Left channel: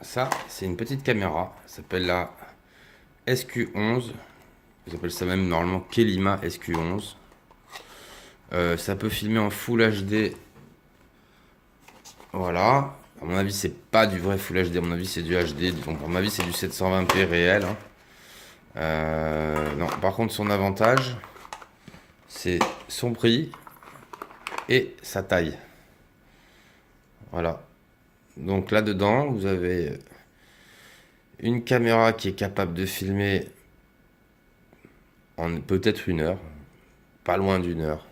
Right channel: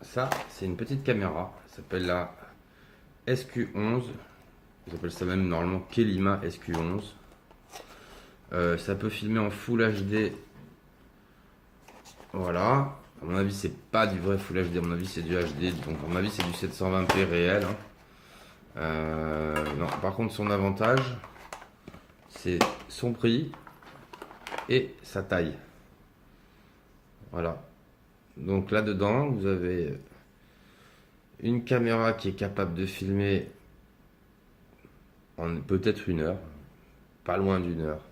ça, c'est une petite caméra. Ça s'appelle la SQ11. Ils appellent ça même normalement Kelima SQ11. Ça peut filmer en Full HD. Voilà. À mon avis, c'est pas du vrai Full HD. À mon avis, c'est du HD. Donc, à mon avis, c'est du 720p réel, hein. Non, par contre, son avantage, c'est son prix et sa taille. Voilà. Donc là-dedans, vous avez une caméra qui est capable de filmer en peut-être 1 heure, pas loin d'1 heure.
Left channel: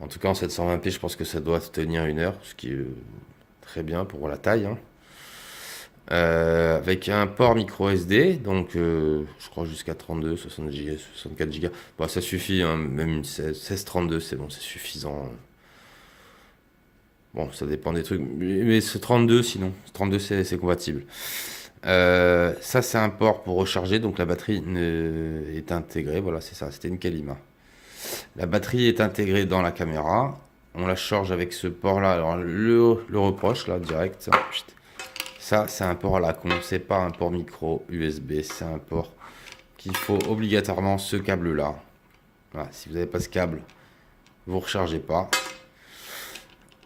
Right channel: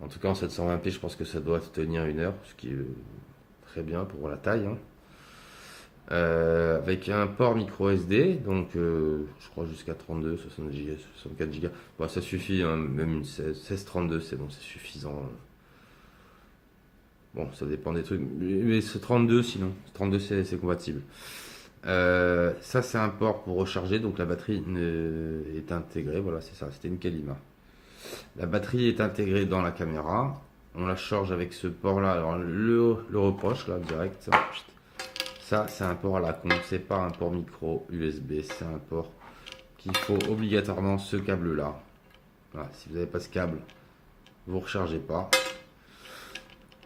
En tout cas, en 720p, je pense que ça doit tenir 1 heure, ce qui est très bien pour la taille, hein. Avec un port micro SD, donc je crois jusqu'à 32, 60 Go, 64 Go. Bon, ça suffit, hein, même une 1632, c'est bon, c'est suffisant. Bon, ça dépend des trucs, mais ce 32 sinon, 32 c'est compatible. Ça, c'est un port pour recharger, donc la batterie est intégrée. Voilà, c'est ça, c'était une Kalima. La batterie est intégrée dans la caméra. On la charge avec ce port-là. Alors, le reproche, là, direct. Ça, c'est un port à la con. C'est pas un port micro USB. C'est un port qu'il faut obligatoirement ce câble-là. Voilà, si vous n'avez pas ce câble, vous ne rechargez pas.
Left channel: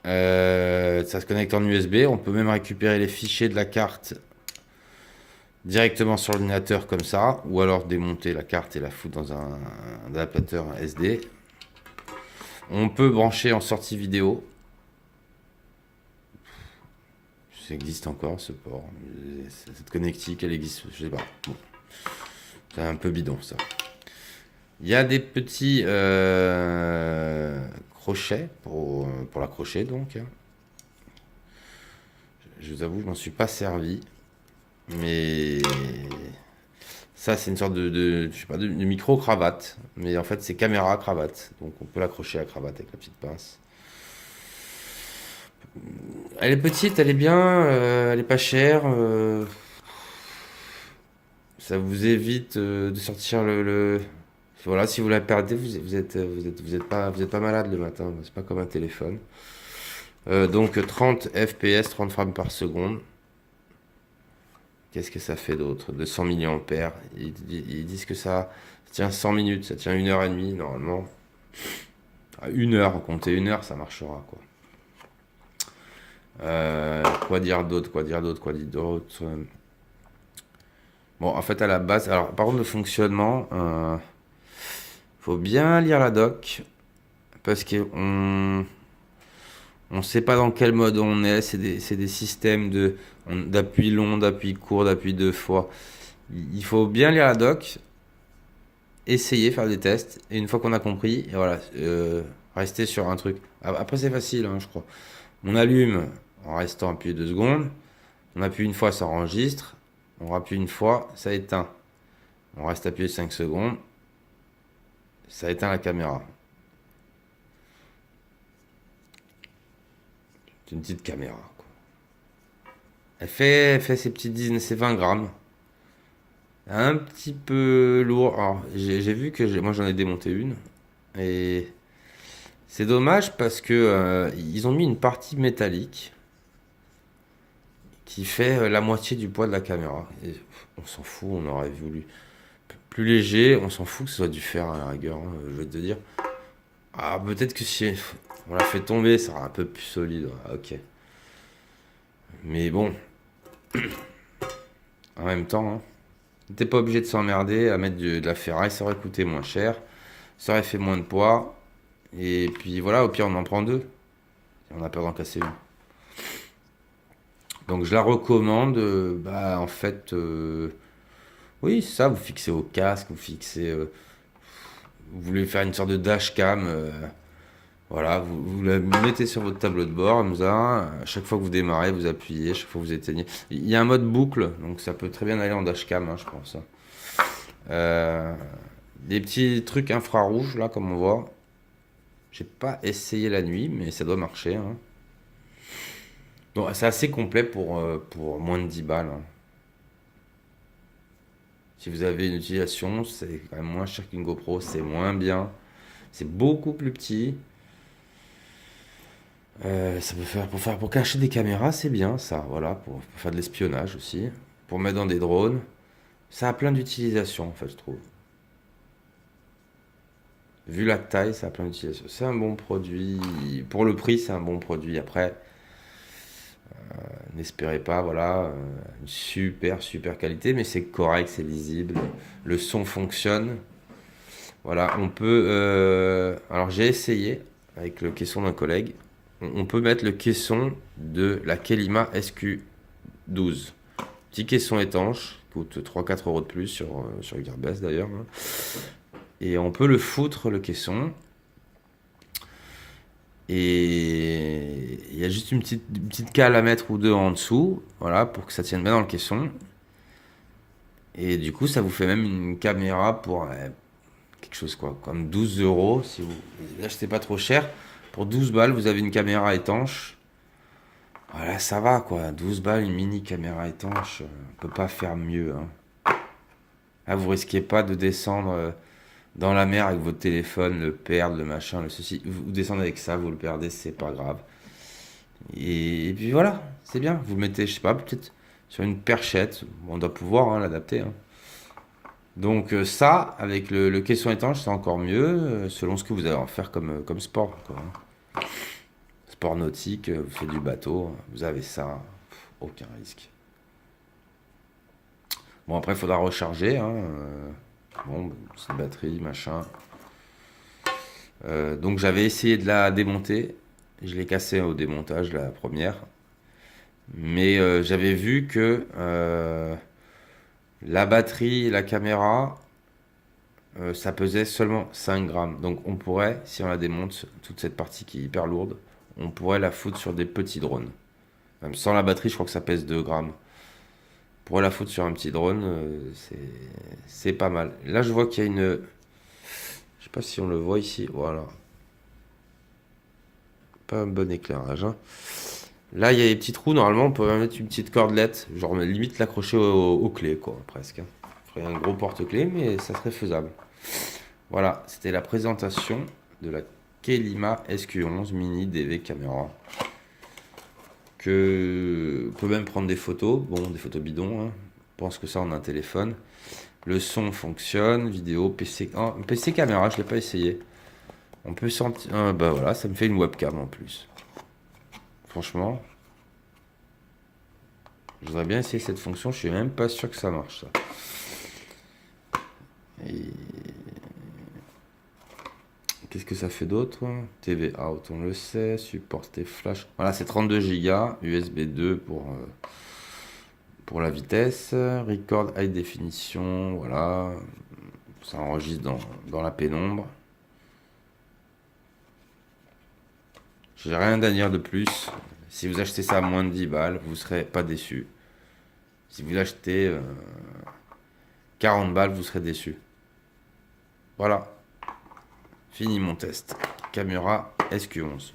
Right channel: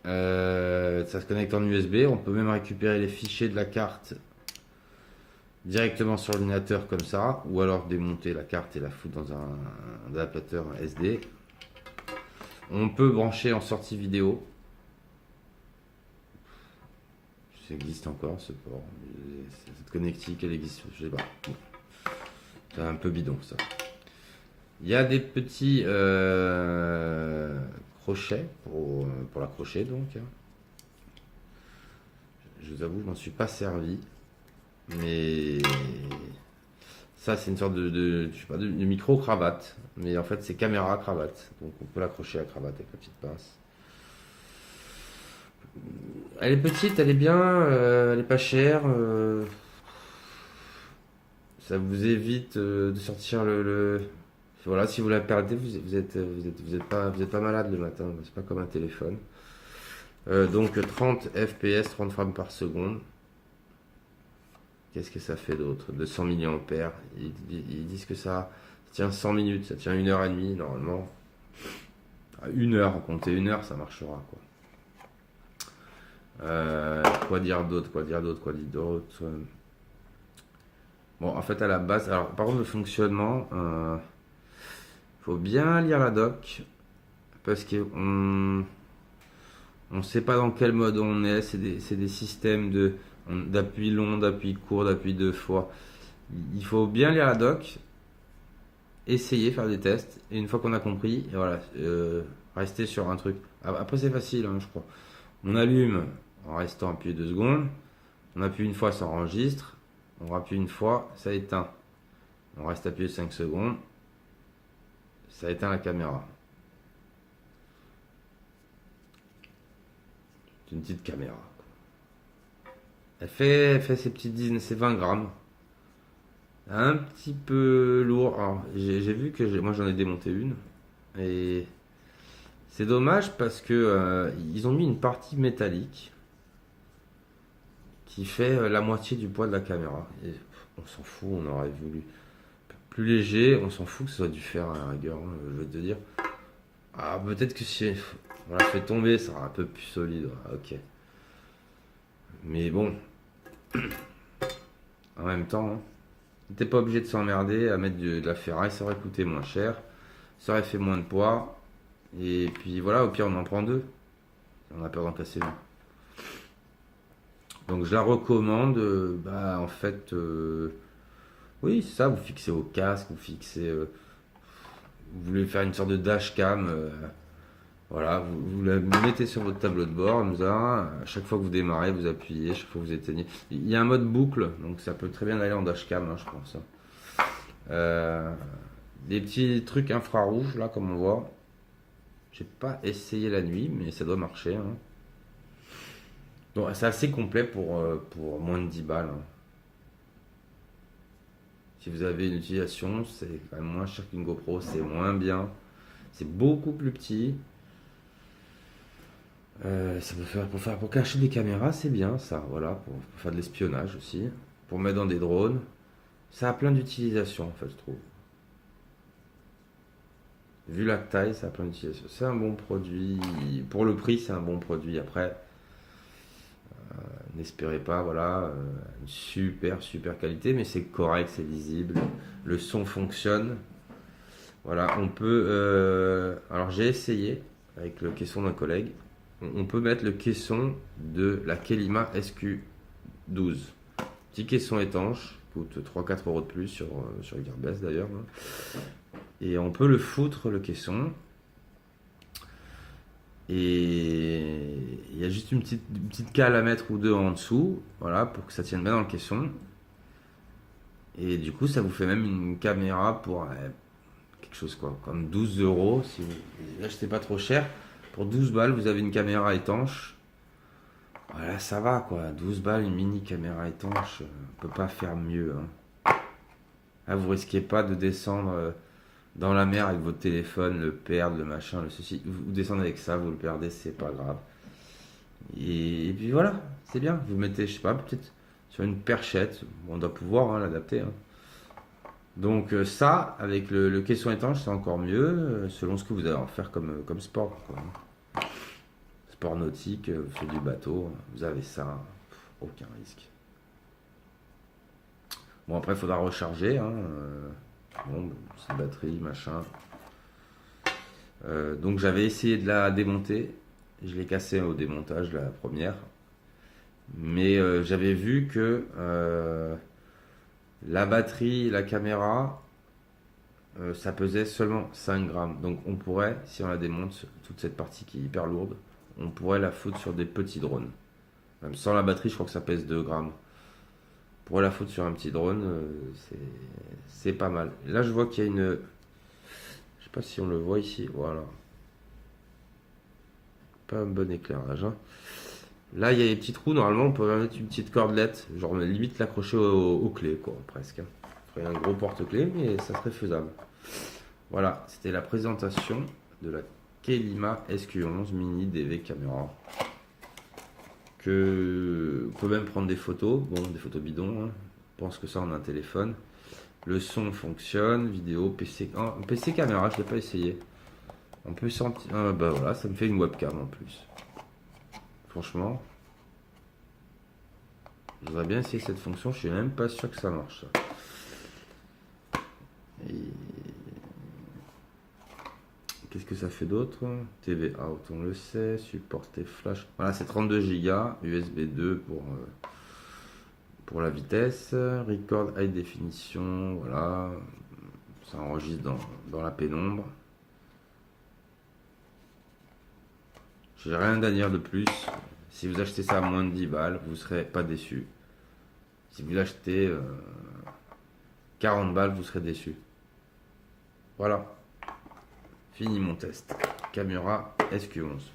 Ça se connecte en USB. On peut même récupérer les fichiers de la carte directement sur l'ordinateur comme ça, ou alors démonter la carte et la foutre dans un adaptateur SD. On peut brancher en sortie vidéo. Ça existe encore ce port. Cette connectique, elle existe, je sais pas. Bon. C'est un peu bidon ça. Il y a des petits crochets pour l'accrocher donc. Je vous avoue, je m'en suis pas servi. Mais ça, c'est une sorte je sais pas, de micro-cravate. Mais en fait, c'est caméra-cravate. Donc, on peut l'accrocher à la cravate avec la petite pince. Elle est petite, elle est bien, elle est pas chère. Ça vous évite de sortir Voilà, si vous la perdez, vous êtes pas malade le matin. C'est pas comme un téléphone. Donc 30 FPS, 30 frames par seconde. Qu'est-ce que ça fait d'autre? 200 milliampères. Ils disent que ça tient 100 minutes, ça tient 1 heure et demie normalement. À 1 heure, comptez 1 heure, ça marchera quoi. Quoi dire d'autre? Bon, en fait, à la base, alors par contre, le fonctionnement, faut bien lire la doc parce que on sait pas dans quel mode on est. C'est des systèmes d'appui long, d'appui court, d'appui 2 fois. Il faut bien lire la doc, essayer, faire des tests, et une fois qu'on a compris, et voilà, rester sur un truc. Après, c'est facile, hein, je crois. On allume en restant appuyé 2 secondes. On appuie une fois, ça enregistre. On appuie une fois, ça éteint. On reste appuyé 5 secondes. Ça éteint la caméra. C'est une petite caméra, quoi. Elle fait ses petites 20 grammes. Un petit peu lourd. Alors, j'ai vu que moi j'en ai démonté une. Et c'est dommage parce que ils ont mis une partie métallique qui fait la moitié du poids de la caméra. Et on s'en fout, on aurait voulu plus léger, on s'en fout que ce soit du fer à la rigueur, hein, je vais te dire. Ah, peut-être que si on la fait tomber, ça sera un peu plus solide. Ah, ok. Mais bon, en même temps, hein, t'es pas obligé de s'emmerder à mettre de la ferraille, ça aurait coûté moins cher, ça aurait fait moins de poids. Et puis voilà, au pire, on en prend deux. Et on a peur d'en casser une. Donc je la recommande. Bah, en fait, oui, c'est ça, vous fixez au casque, vous voulez faire une sorte de dashcam. Voilà, vous la mettez sur votre tableau de bord, comme ça. À chaque fois que vous démarrez, vous appuyez, chaque fois que vous éteignez. Il y a un mode boucle, donc ça peut très bien aller en dashcam, hein, je pense, hein. Euh, des petits trucs infrarouges, là, comme on voit. J'ai pas essayé la nuit, mais ça doit marcher, hein. Donc c'est assez complet pour moins de 10 balles, hein. Si vous avez une utilisation, c'est quand même moins cher qu'une GoPro, c'est moins bien. C'est beaucoup plus petit. Ça peut faire pour cacher des caméras, c'est bien ça, voilà, pour faire de l'espionnage aussi, pour mettre dans des drones. Ça a plein d'utilisations en fait, je trouve. Vu la taille, ça a plein d'utilisations. C'est un bon produit. Pour le prix, c'est un bon produit. Après, n'espérez pas, voilà, une super qualité, mais c'est correct, c'est lisible. Le son fonctionne. Voilà, on peut. Alors j'ai essayé avec le caisson d'un collègue. On peut mettre le caisson de la Kelima SQ12. Petit caisson étanche, coûte 3-4 € de plus sur Gearbest d'ailleurs, hein. Et on peut le foutre, le caisson. Et il y a juste une petite cale à mettre ou deux en dessous, voilà, pour que ça tienne bien dans le caisson. Et du coup, ça vous fait même une caméra pour quelque chose quoi, comme 12 € si vous l'achetez pas trop cher. Pour 12 balles, vous avez une caméra étanche. Voilà, ça va quoi. 12 balles, une mini caméra étanche, on peut pas faire mieux, hein. Là, vous risquez pas de descendre dans la mer avec votre téléphone, le perdre, le machin, le ceci. Vous descendez avec ça, vous le perdez, c'est pas grave. Et puis voilà, c'est bien. Vous le mettez, je sais pas, peut-être sur une perchette. On doit pouvoir hein, l'adapter, hein. Donc ça, avec le caisson étanche, c'est encore mieux, selon ce que vous allez en faire comme sport, quoi, hein. Sport nautique, vous faites du bateau, vous avez ça, aucun risque. Bon, après, il faudra recharger, hein, bon, petite batterie, machin. Donc j'avais essayé de la démonter. Je l'ai cassée au démontage, la première. Mais j'avais vu que la batterie, la caméra, ça pesait seulement 5 grammes. Donc on pourrait, si on la démonte, toute cette partie qui est hyper lourde, on pourrait la foutre sur des petits drones. Même sans la batterie, je crois que ça pèse 2 grammes. On pourrait la foutre sur un petit drone, c'est pas mal. Là, je vois qu'il y a une... Je sais pas si on le voit ici. Voilà. Pas un bon éclairage, hein. Là, il y a des petits trous. Normalement, on peut mettre une petite cordelette. Genre, limite l'accrocher aux clés, quoi, presque, hein. Il faudrait un gros porte-clés, mais ça serait faisable. Voilà, c'était la présentation de la Kelima SQ11 Mini DV Caméra. On peut même prendre des photos. Bon, des photos bidons, hein. Je pense que ça, on a un téléphone. Le son fonctionne. Vidéo, PC. Ah, PC caméra, je ne l'ai pas essayé. On peut sentir. Bah voilà, ça me fait une webcam en plus. Franchement, je voudrais bien essayer cette fonction. Je suis même pas sûr que ça marche, ça. Et qu'est-ce que ça fait d'autre? TV out, on le sait. Supporter flash. Voilà, c'est 32 Go. USB 2 pour la vitesse. Record high définition. Voilà. Ça enregistre dans la pénombre. J'ai rien à dire de plus. Si vous achetez ça à moins de 10 balles, vous ne serez pas déçu. Si vous l'achetez 40 balles, vous serez déçu. Voilà. Fini mon test. Caméra SQ11.